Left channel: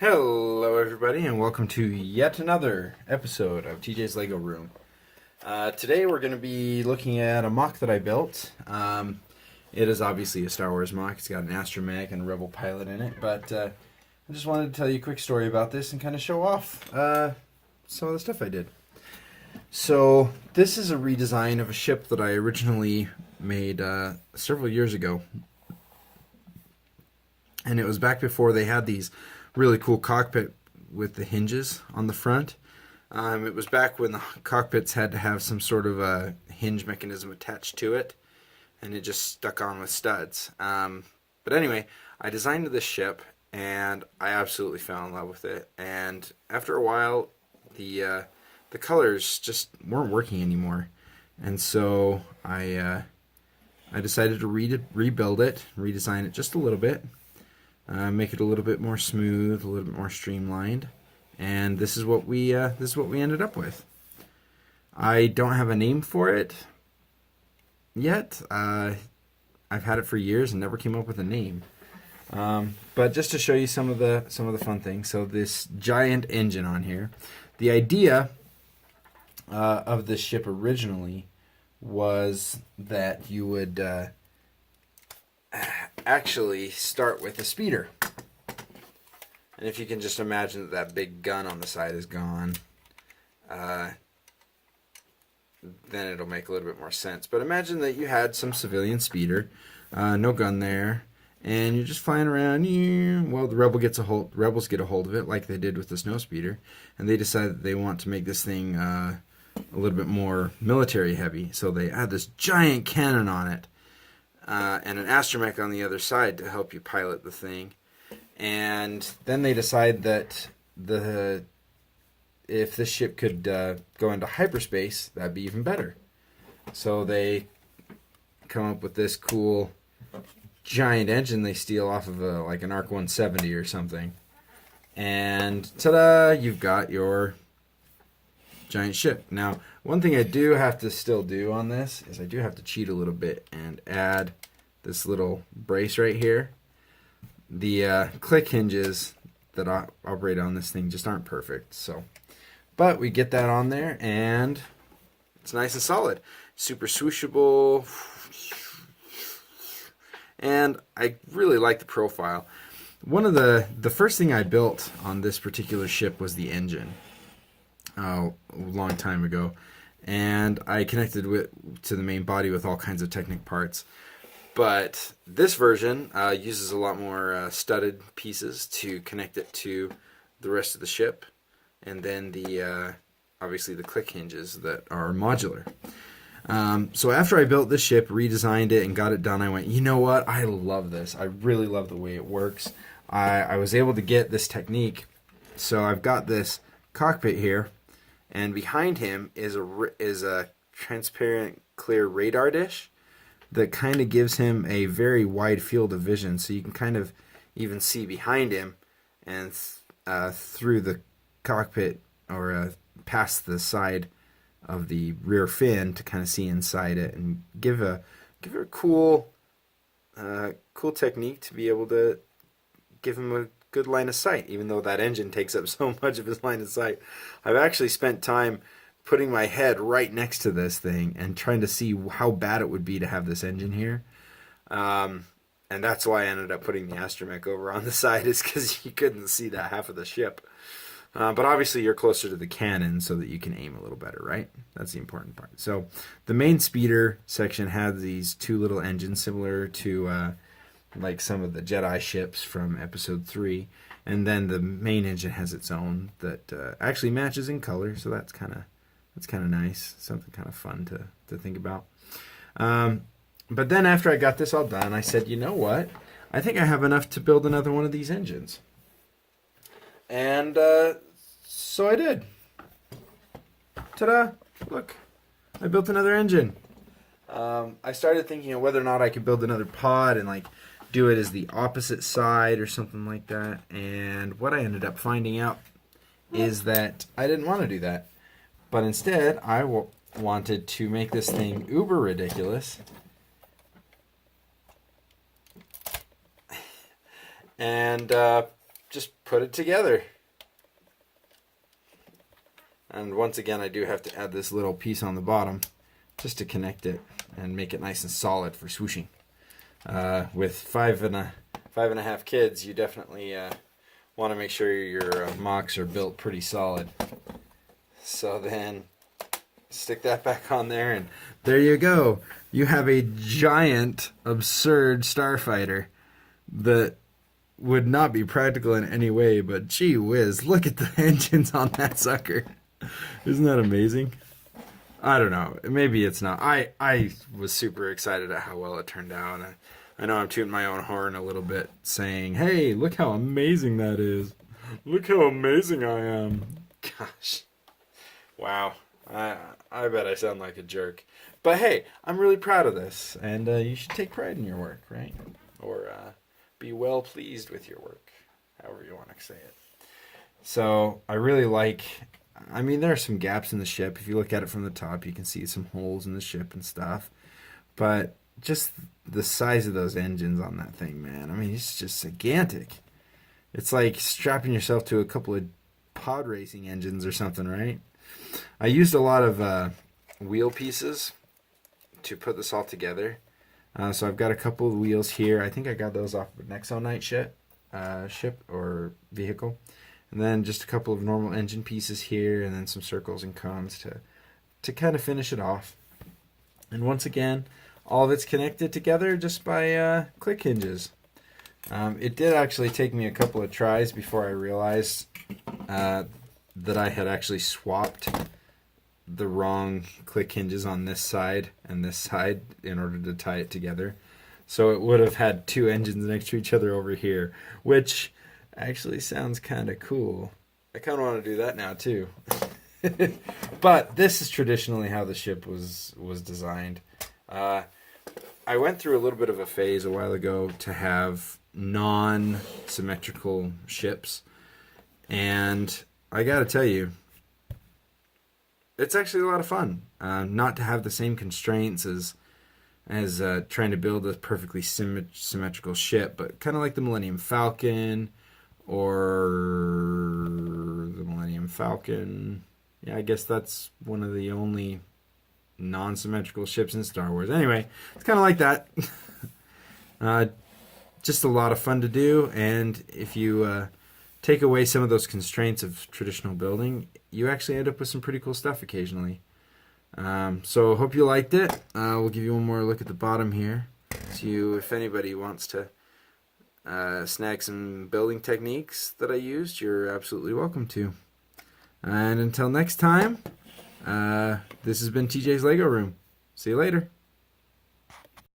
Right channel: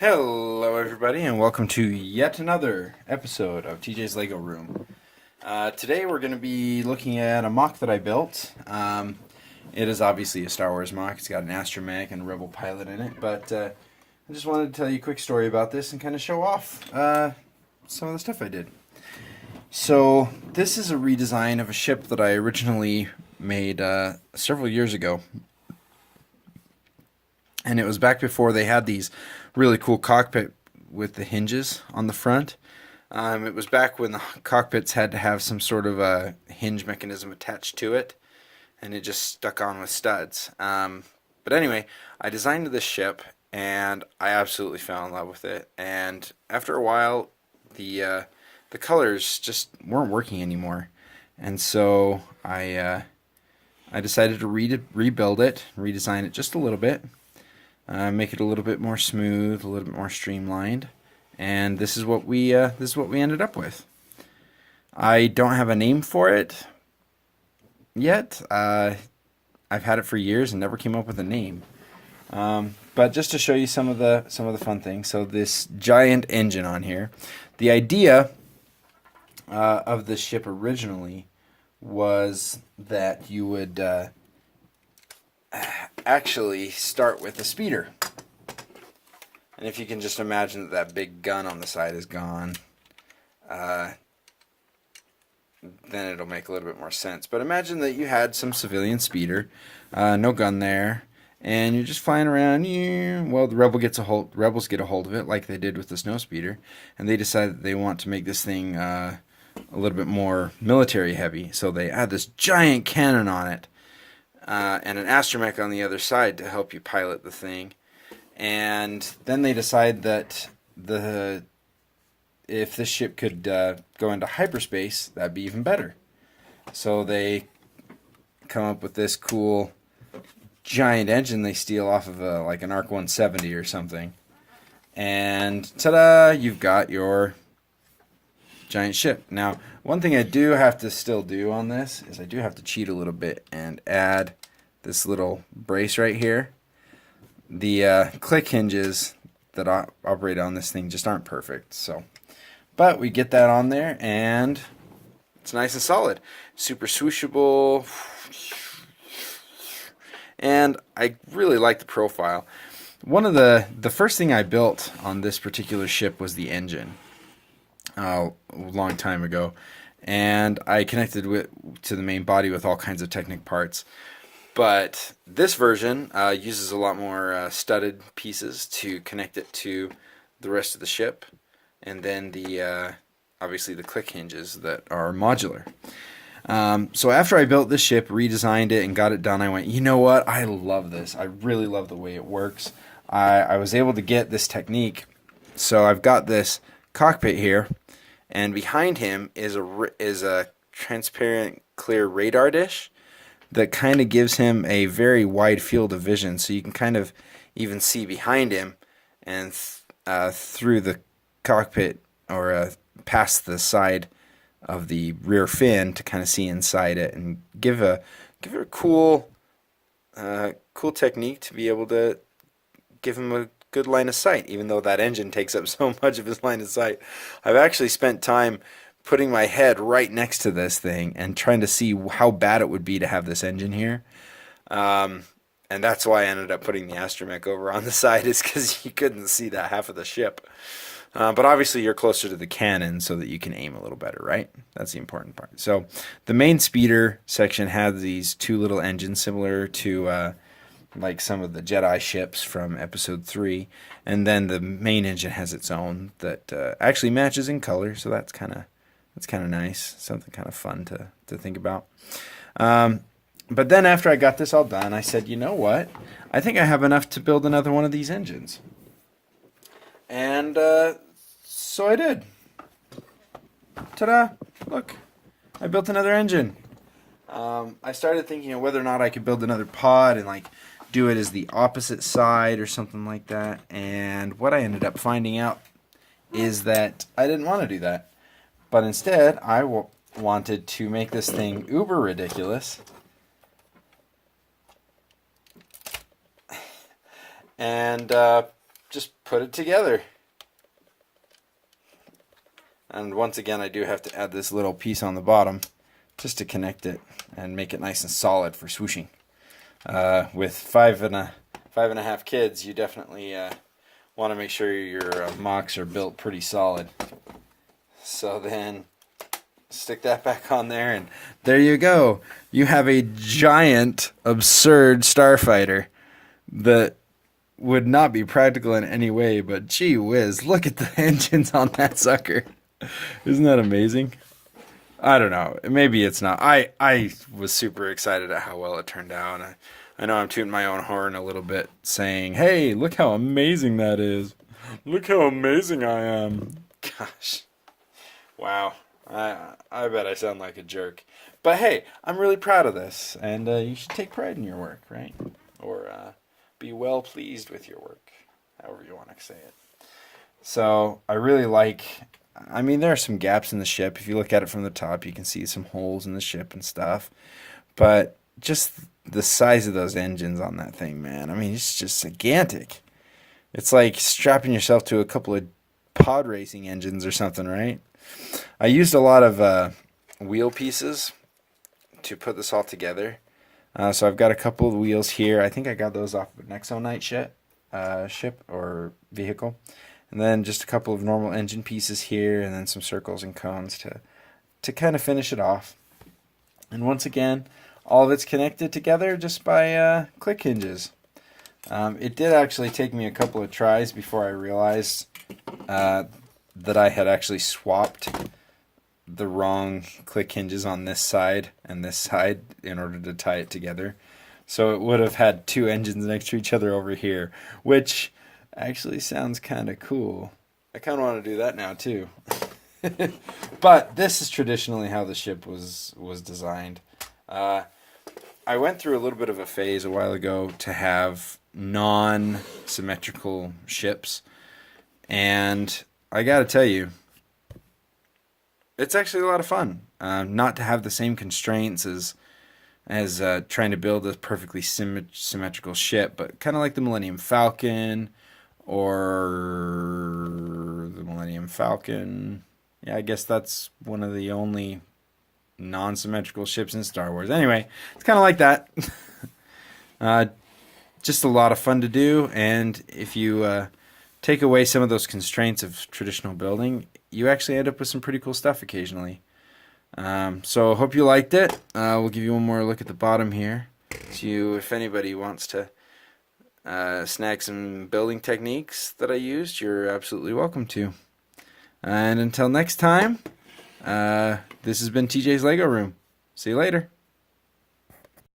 Hello, everybody, and welcome to yet another episode of TJ's Lego Room. Today, we're going to be looking at a mock that I built. It is obviously a Star Wars mock. It's got an astromech and a Rebel pilot in it, but I just wanted to tell you a quick story about this and kind of show off some of the stuff I did. So, this is a redesign of a ship that I originally made several years ago. And it was back before they had these really cool cockpit with the hinges on the front. It was back when the cockpits had to have some sort of a hinge mechanism attached to it, and it just stuck on with studs. But anyway, I designed this ship, and I absolutely fell in love with it. And after a while, the colors just weren't working anymore, and so I decided to rebuild it, redesign it just a little bit. Make it a little bit more smooth, a little bit more streamlined, and this is what we ended up with. I don't have a name for it yet. I've had it for years and never came up with a name. But just to show you some of the fun things. So this giant engine on here. The idea of this ship originally was that you would actually start with a speeder. And if you can just imagine that big gun on the side is gone, then it'll make a little bit more sense. But imagine that you had some civilian speeder, no gun there, and you're just flying around. Well, the rebels get a hold of it, like they did with the snow speeder, and they decide that they want to make this thing a little bit more military heavy. So they add this giant cannon on it. And an astromech on the other side to help you pilot the thing. And then they decide that if this ship could go into hyperspace, that'd be even better. So they come up with this cool giant engine they steal off of like an Arc 170 or something. And ta-da, you've got your giant ship. Now, one thing I do have to still do on this is I do have to cheat a little bit and add this little brace right here. The click hinges that operate on this thing just aren't perfect. But we get that on there and it's nice and solid. Super swooshable. And I really like the profile. One of the first thing I built on this particular ship was the engine. A long time ago, and I connected to the main body with all kinds of Technic parts. But this version uses a lot more studded pieces to connect it to the rest of the ship, and then obviously the click hinges that are modular. So after I built this ship, redesigned it, and got it done, I went, you know what? I love this. I really love the way it works. I was able to get this technique. So I've got this cockpit here, and behind him is a transparent clear radar dish that kind of gives him a very wide field of vision, so you can kind of even see behind him and through the cockpit or past the side of the rear fin to kind of see inside it, and give it a cool technique to be able to give him a good line of sight, even though that engine takes up so much of his line of sight. I've actually spent time putting my head right next to this thing and trying to see how bad it would be to have this engine here. And that's why I ended up putting the astromech over on the side, is because you couldn't see that half of the ship. But obviously you're closer to the cannon so that you can aim a little better, right? That's the important part. So the main speeder section has these two little engines similar to like some of the Jedi ships from Episode 3, and then the main engine has its own that actually matches in color, so that's kind of nice, something kind of fun to think about. But then after I got this all done, I said, you know what? I think I have enough to build another one of these engines. And so I did. Ta-da! Look, I built another engine. I started thinking of whether or not I could build another pod and like do it as the opposite side or something like that. And what I ended up finding out is that I didn't want to do that. But instead, I wanted to make this thing uber ridiculous and just put it together. And once again, I do have to add this little piece on the bottom just to connect it and make it nice and solid for swooshing. With five and a half kids, you definitely want to make sure your mocks are built pretty solid. So then stick that back on there, and there you go. You have a giant, absurd starfighter that would not be practical in any way, but gee whiz, look at the engines on that sucker. Isn't that amazing? I don't know. Maybe it's not. I was super excited at how well it turned out. I know I'm tooting my own horn a little bit, saying, hey, look how amazing that is. Look how amazing I am. Gosh. Wow. I bet I sound like a jerk. But hey, I'm really proud of this. And you should take pride in your work, right? Or be well pleased with your work. However you want to say it. So I really like... I mean, there are some gaps in the ship. If you look at it from the top, you can see some holes in the ship and stuff. But just the size of those engines on that thing, man. I mean, it's just gigantic. It's like strapping yourself to a couple of pod racing engines or something, right? I used a lot of wheel pieces to put this all together. So I've got a couple of wheels here. I think I got those off of an Exonite ship or vehicle. And then just a couple of normal engine pieces here, and then some circles and cones to kind of finish it off. And once again, all of it's connected together just by click hinges. It did actually take me a couple of tries before I realized that I had actually swapped the wrong click hinges on this side and this side in order to tie it together. So it would have had two engines next to each other over here, which actually sounds kind of cool. I kind of want to do that now too. But this is traditionally how the ship was designed. I went through a little bit of a phase a while ago to have non-symmetrical ships, and I gotta tell you, it's actually a lot of fun not to have the same constraints as trying to build a perfectly symmetrical ship, but kind of like the Millennium Falcon or the Millennium Falcon. Yeah, I guess that's one of the only non-symmetrical ships in Star Wars. Anyway, it's kind of like that. Just a lot of fun to do, and if you take away some of those constraints of traditional building, you actually end up with some pretty cool stuff occasionally. So hope you liked it. We'll give you one more look at the bottom here. So if anybody wants to snag some building techniques that I used, you're absolutely welcome to. And until next time, this has been TJ's Lego Room. See you later.